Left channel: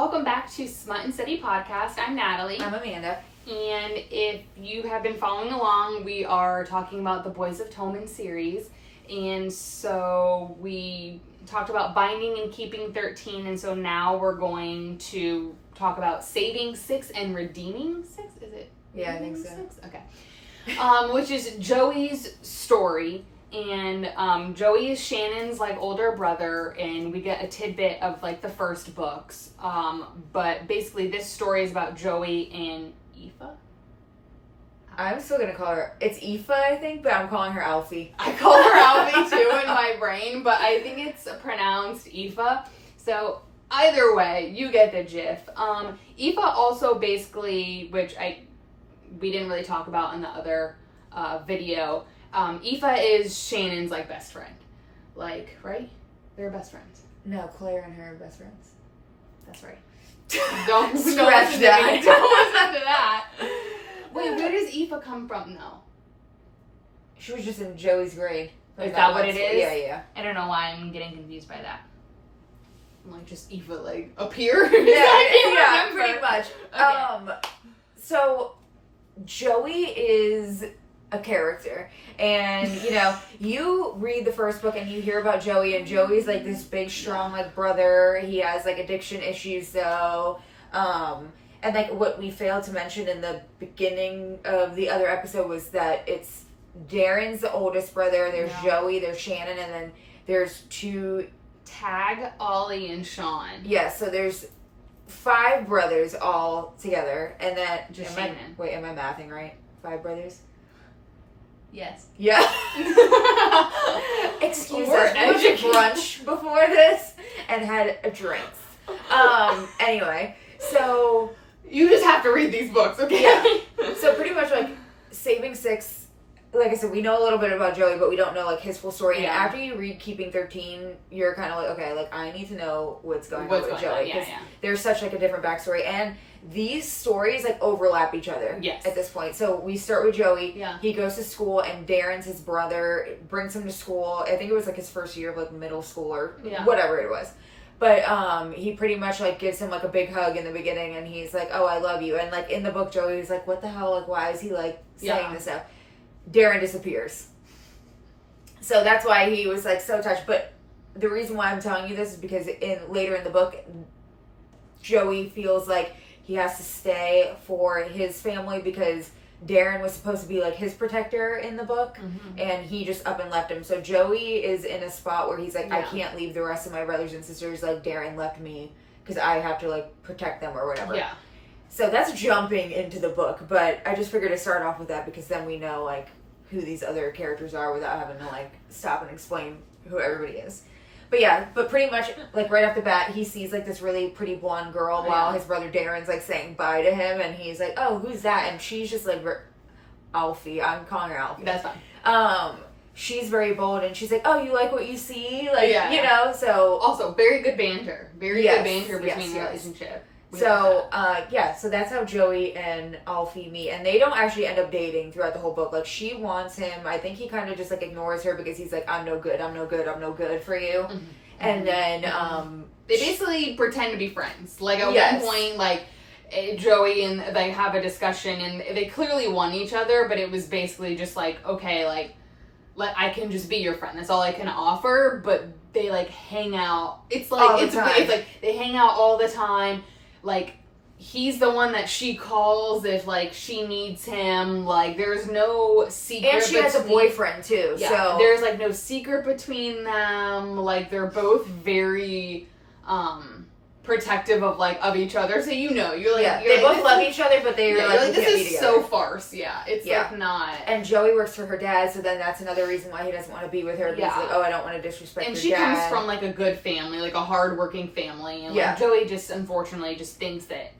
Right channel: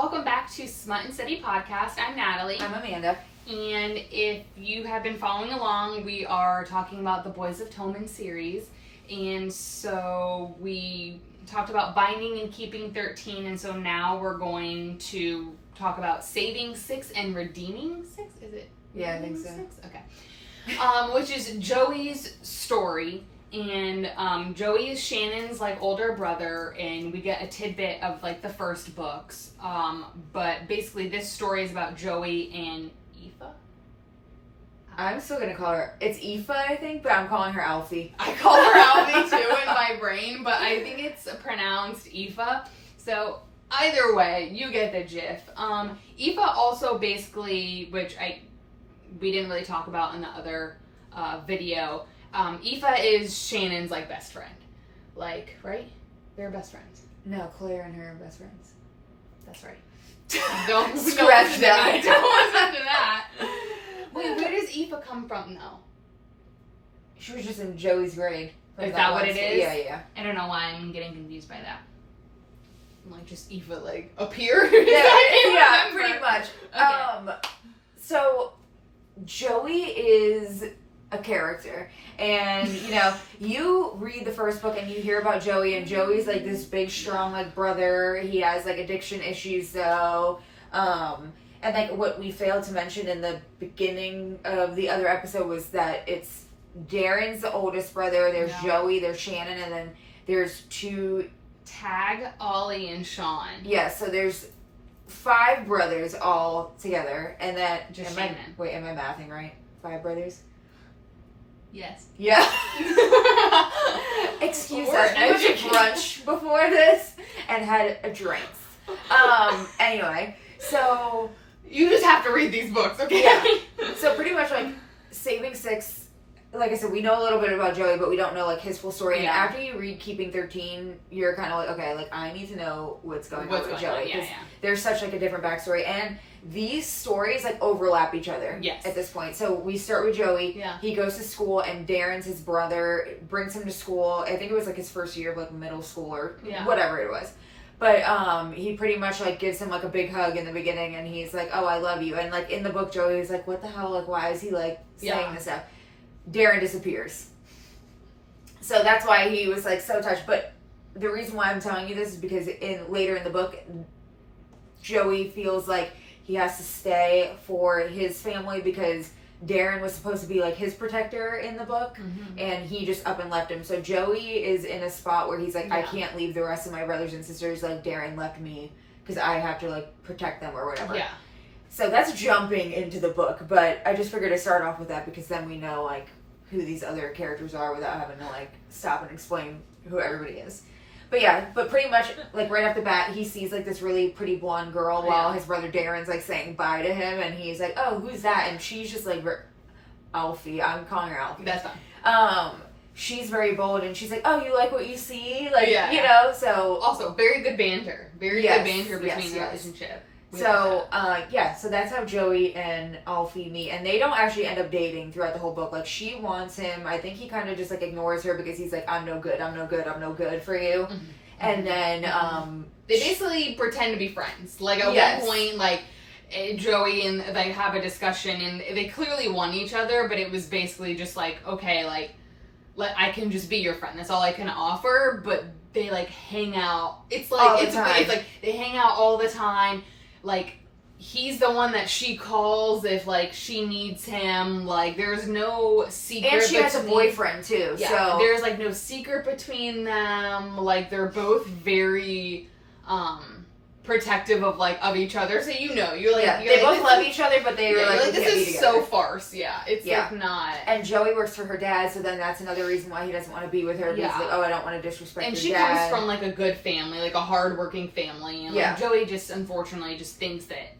Welcome back to Smut N Study podcast. I'm Natalie. I'm Amanda. And if you have been following along, we are talking about the Boys of Toman series. And so we talked about binding and keeping 13. And so now we're going to talk about saving 6 and redeeming 6. Is it? Yeah, I think so. 6? Okay. Which is Joey's story. And Joey is Shannon's older brother, and we get a tidbit of the first books. But basically this story is about Joey and Aoife. I'm still gonna call her, it's Aoife, I think, but I'm calling her Alfie. I call her Alfie too in my brain, but I think it's pronounced Aoife. So either way, you get the gist. Aoife also basically, which we didn't really talk about in the other video. Aoife is Shannon's best friend. Right? They're best friends. No, Claire and her are best friends. That's right. Don't scratch that. Don't listen to that. Wait, where does Aoife come from though? She was just in Joey's grade. Is that what it is? Yeah. I don't know why I'm getting confused by that. Just Aoife appear? Yeah, pretty much. Okay. So Joey is a character, and you read the first book and you hear about Joey, and Joey's this big strong brother. He has addiction issues though, and what we failed to mention in the beginning of the other episode was that it's Darren's the oldest brother, there's Joey, there's Shannon, and then there's two Tag, Ollie, and Sean. Yeah, so there's 5 brothers all together, and that just Shannon. Am I mathing right? 5 brothers? Yes. Yeah. Excuse us. I went to brunch before this and had a drink. Anyway, so you just have to read these books, okay? Yeah. So pretty much saving 6. Like I said, we know a little bit about Joey, but we don't know his full story. Yeah. And after you read Keeping 13, you're kind of okay, I need to know what's going on with Joey, because there's such a different backstory, and these stories overlap each other. Yes. At this point. So we start with Joey. Yeah. He goes to school, and Darren's his brother, brings him to school. I think it was his first year of middle school or whatever it was. But he pretty much gives him a big hug in the beginning, and he's oh, I love you. And in the book, Joey's what the hell? Why is he saying this stuff? Darren disappears. So that's why he was so touched. But the reason why I'm telling you this is because later in the book, Joey feels he has to stay for his family, because Darren was supposed to be his protector in the book, and he just up and left him. So Joey is in a spot where he's I can't leave the rest of my brothers and sisters. Darren left me because I have to protect them or whatever. Yeah. So that's jumping into the book, but I just figured to start off with that because then we know who these other characters are without having to stop and explain who everybody is. But yeah, pretty much right off the bat, he sees this really pretty blonde girl while his brother Darren's saying bye to him, and he's oh, who's that? And she's just Alfie. I'm calling her Alfie. That's fine. She's very bold, and she's oh, you like what you see? So also very good banter. Very good banter between the relationship. So that's how Joey and Alfie meet, and they don't actually end up dating throughout the whole book. She wants him. I think he kind of just ignores her because he's I'm no good for you. Mm-hmm. And then they basically pretend to be friends. At one point, Joey and they have a discussion, and they clearly want each other, but it was basically just okay, I can just be your friend. That's all I can offer. But they hang out. It's they hang out all the time. He's the one that she calls if she needs him. There's no secret. And she has a boyfriend too. Yeah, so there's no secret between them. They're both very protective of each other. So you're they both love each other, but they are this is so farce. Yeah, it's not. And Joey works for her dad, so then that's another reason why he doesn't want to be with her. Because oh, I don't want to disrespect and your dad. And she comes from a good family, a hardworking family, and Joey just unfortunately just thinks that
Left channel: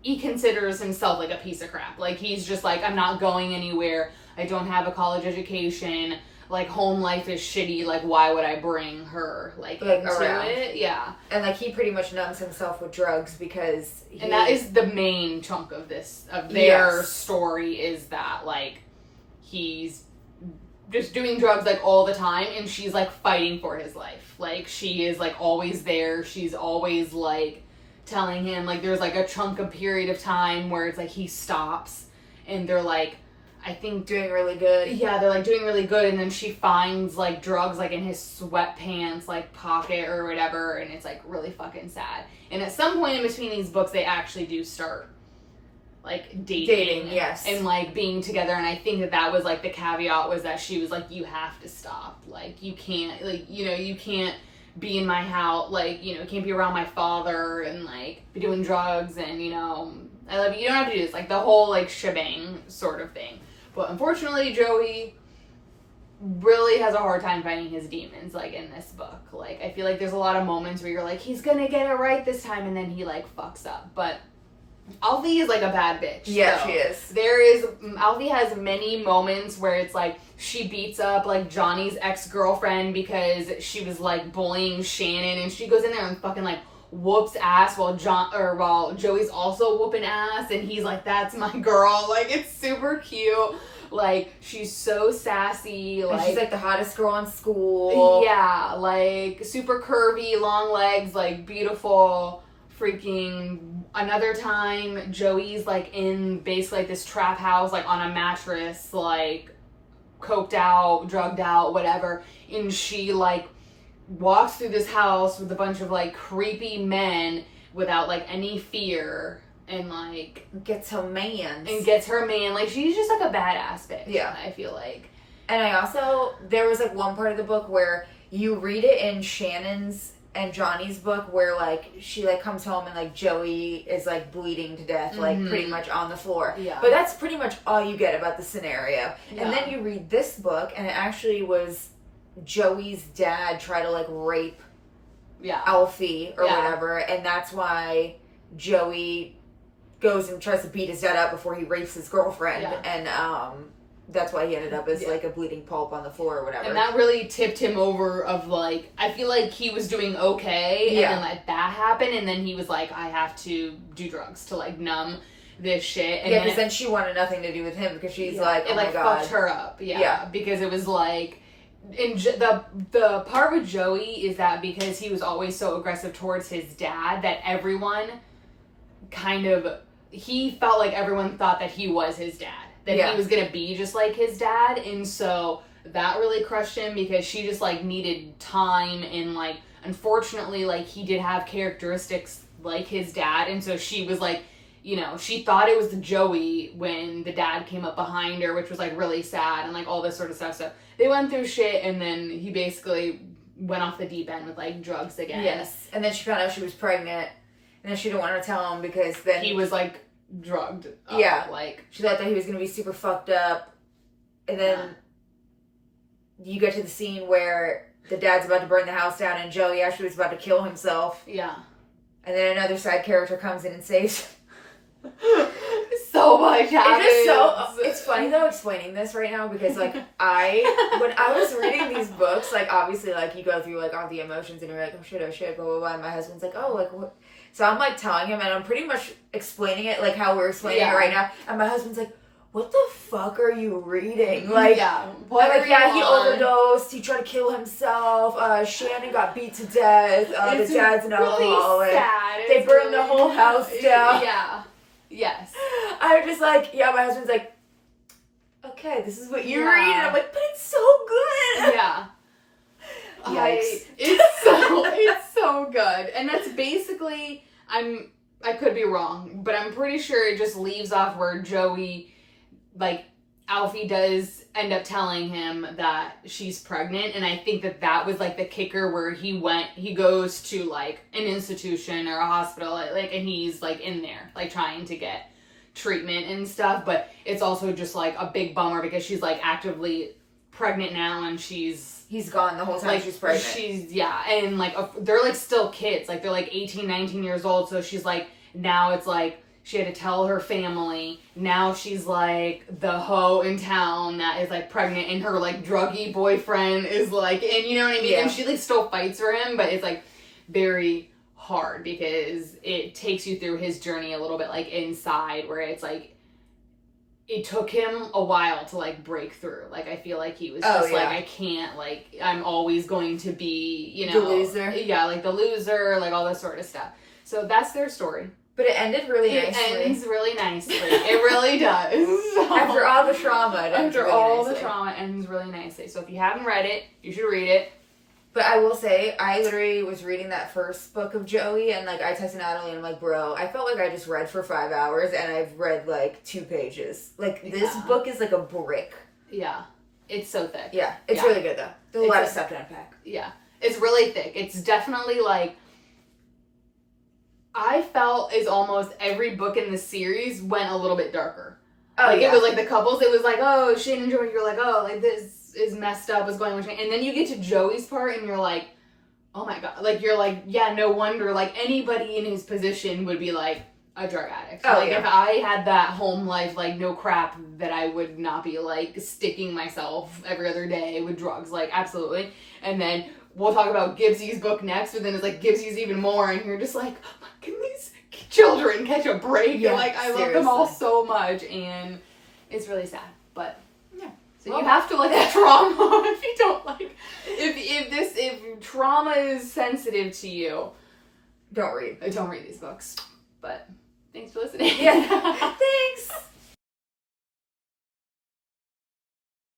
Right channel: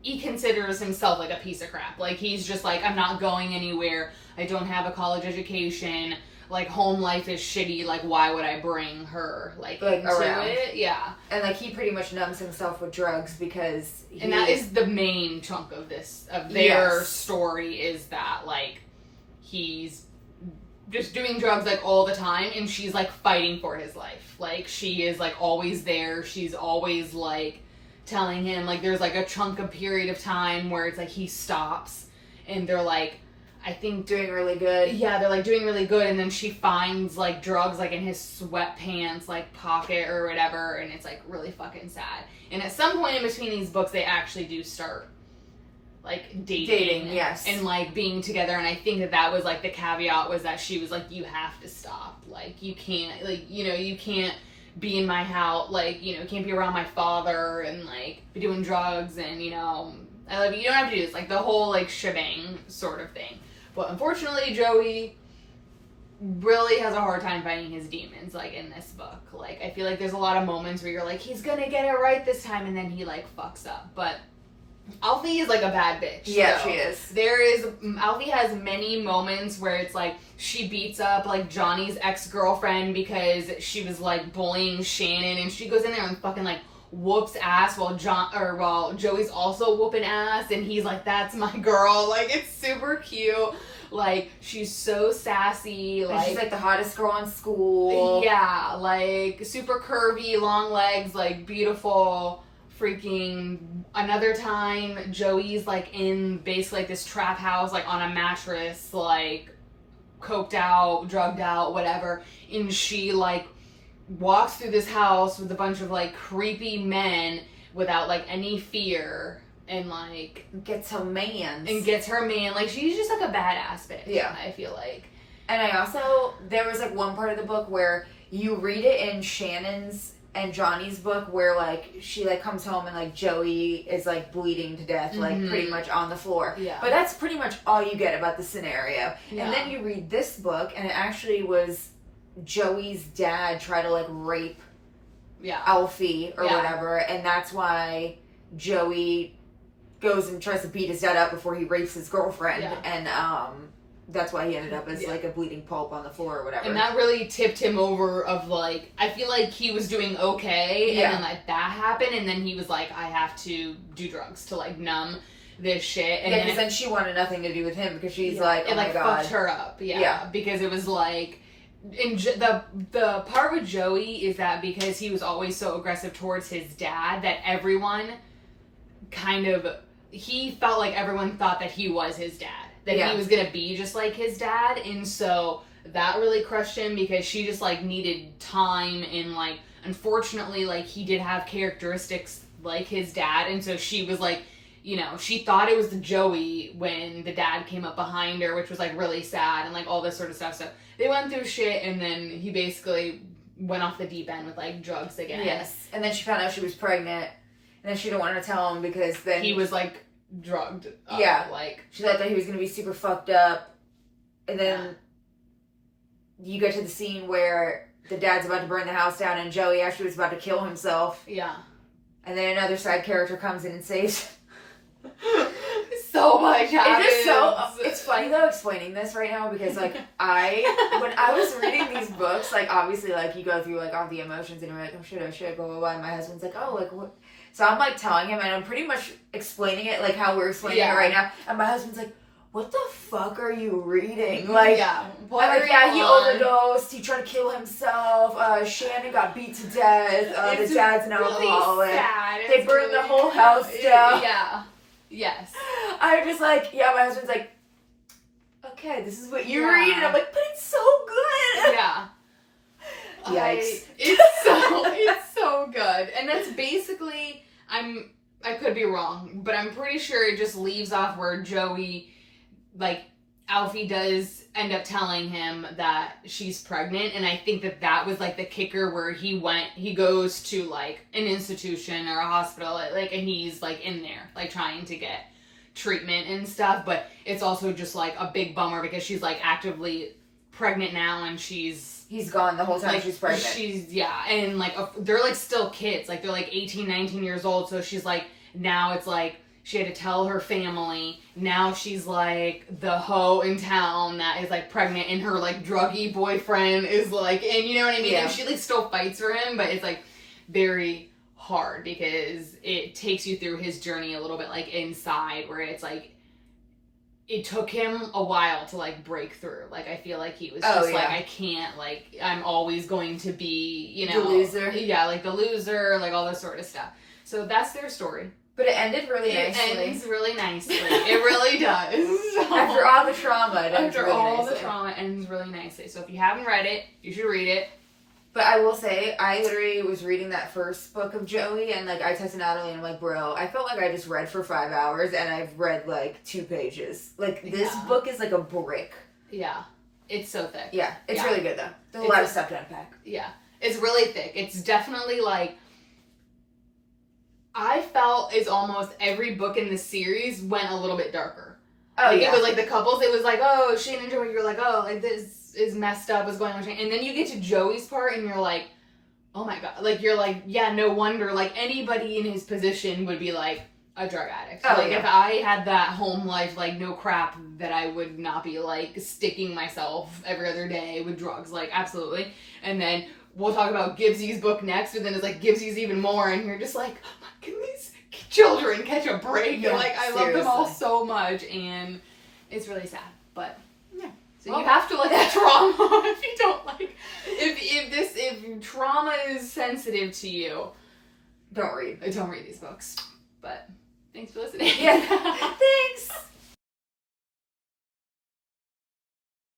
he considers himself a piece of crap. He's just I'm not going anywhere. I don't have a college education. Home life is shitty. Why would I bring her into around it? Yeah. And he pretty much numbs himself with drugs because and that is the main chunk of their story, is that he's just doing drugs all the time, and she's fighting for his life. She is always there. She's always telling him, like, there's, like, a chunk of period of time where it's, like, he stops, and they're, like, I think... doing really good. Yeah, they're, like, doing really good, and then she finds, like, drugs, like, in his sweatpants, like, pocket or whatever, and it's, like, really fucking sad. And at some point in between these books, they actually do start, like, dating. Yes. And, like, being together, and I think that was, like, the caveat was that she was, like, you have to stop. Like, you can't, like, you know, you can't be in my house, like, you know, you can't be around my father and, like, be doing drugs and, you know, I love you. You don't have to do this. Like, the whole, like, shebang sort of thing. But unfortunately, Joey really has a hard time fighting his demons, like, in this book. Like, I feel like there's a lot of moments where you're like, he's gonna get it right this time, and then he, like, fucks up. But Alfie is, like, a bad bitch. Yeah, she is. Alfie has many moments where it's, like, she beats up, like, Johnny's ex-girlfriend because she was, like, bullying Shannon, and she goes in there and fucking, like, whoops ass while Joey's also whooping ass, and he's like, that's my girl. Like, it's super cute. Like, she's so sassy. Like, and she's, like, the hottest girl in school. Yeah, like, super curvy, long legs, like, beautiful. Freaking another time, Joey's, like, in basically, like, this trap house, like, on a mattress, like, coked out, drugged out, whatever, and she, like, walks through this house with a bunch of, like, creepy men without, like, any fear, and, like, gets her man. Like, she's just, like, a badass bitch. Yeah. I feel like. And I also, there was, like, one part of the book where you read it in Shannon's and Johnny's book where, like, she, like, comes home and, like, Joey is, like, bleeding to death, like, pretty much on the floor. Yeah. But that's pretty much all you get about the scenario. Yeah. And then you read this book, and it actually was Joey's dad try to, like, rape Alfie or whatever, and that's why Joey goes and tries to beat his dad up before he rapes his girlfriend, and that's why he ended up as like a bleeding pulp on the floor or whatever. And that really tipped him over of, like, I feel like he was doing okay, and then, like, that happened, and then he was like, I have to do drugs to, like, numb this shit. And because then she wanted nothing to do with him because she's like, oh, it, like, my God. fucked her up. Yeah. Because it was like, the part with Joey is that because he was always so aggressive towards his dad that everyone he felt like everyone thought that he was his dad. That he was gonna be just like his dad, and so that really crushed him because she just, like, needed time, and, like, unfortunately, like, he did have characteristics like his dad, and so she was like, you know, she thought it was the Joey when the dad came up behind her, which was, like, really sad, and, like, all this sort of stuff. So they went through shit, and then he basically went off the deep end with, like, drugs again. Yes, and then she found out she was pregnant, and then she didn't want to tell him because then he was, like, drugged up. Yeah, like, she thought that he was gonna be super fucked up, and then you get to the scene where the dad's about to burn the house down, and Joey actually was about to kill himself. Yeah, and then another side character comes in and saves him. So much happens. It's funny though explaining this right now because, like, when I was reading these books, like, obviously, like, you go through, like, all the emotions and you're like, oh shit, blah blah blah, and my husband's like, oh, like, what? So I'm, like, telling him, and I'm pretty much explaining it like how we're explaining it right now, and my husband's like, what the fuck are you reading? Like, he overdosed, he tried to kill himself, Shannon got beat to death, the dad's an alcoholic, they burned the whole house down. Yeah. Yes. I'm just like, my husband's like, okay, this is what you read, and I'm like, but it's so good. Yeah. Yikes. It's so good. And that's basically, I could be wrong, but I'm pretty sure it just leaves off where Joey, like, Alfie does end up telling him that she's pregnant, and I think that was, like, the kicker where he goes to, like, an institution or a hospital, like, and he's, like, in there, like, trying to get treatment and stuff, but it's also just, like, a big bummer because she's, like, actively pregnant now, and he's gone the whole time, like, she's pregnant. And, like, they're, like, still kids, like, they're, like, 18, 19 years old, so she's, like, now it's, like, she had to tell her family. Now she's, like, the hoe in town that is, like, pregnant, and her, like, druggy boyfriend is, like, and you know what I mean? Yeah. And she, like, still fights for him, but it's, like, very hard because it takes you through his journey a little bit, like, inside, where it's, like, it took him a while to, like, break through. Like, I feel like he was just like, I can't, like, I'm always going to be, you know. The loser. Yeah, like, the loser, like, all this sort of stuff. So that's their story. But it ended really nicely. It ends really nicely. It really does. After all the trauma, it ends really nicely. the trauma, it ends really nicely. So if you haven't read it, you should read it. But I will say, I literally was reading that first book of Joey, and, like, I texted Natalie, and I'm like, bro, I felt like I just read for 5 hours, and I've read, like, 2 pages. Like, this book is like a brick. Yeah. It's so thick. Yeah. It's really good, though. There's a lot of stuff to unpack. Yeah. It's really thick. It's definitely, like, I felt as almost every book in the series went a little bit darker. Oh, like, yeah. It was, like, the couples, it was like, oh, Shane and Joey, you're like, oh, like, this is messed up, what's going on with Shane? And then you get to Joey's part, and you're like, oh my god. Like, you're like, yeah, no wonder. Like, anybody in his position would be, like, a drug addict. Oh, like, yeah. if I had that home life, like, no crap, that I would not be, like, sticking myself every other day with drugs. Like, absolutely. And then we'll talk about Gibbsy's book next, but then it's, like, Gibbsy's even more, and you're just like, oh my, can these children catch a break? Yeah, and, like, I love them all so much, and it's really sad. But, yeah. So you have to like the trauma if you don't like if trauma is sensitive to you, don't read these books. But thanks for listening. Yeah.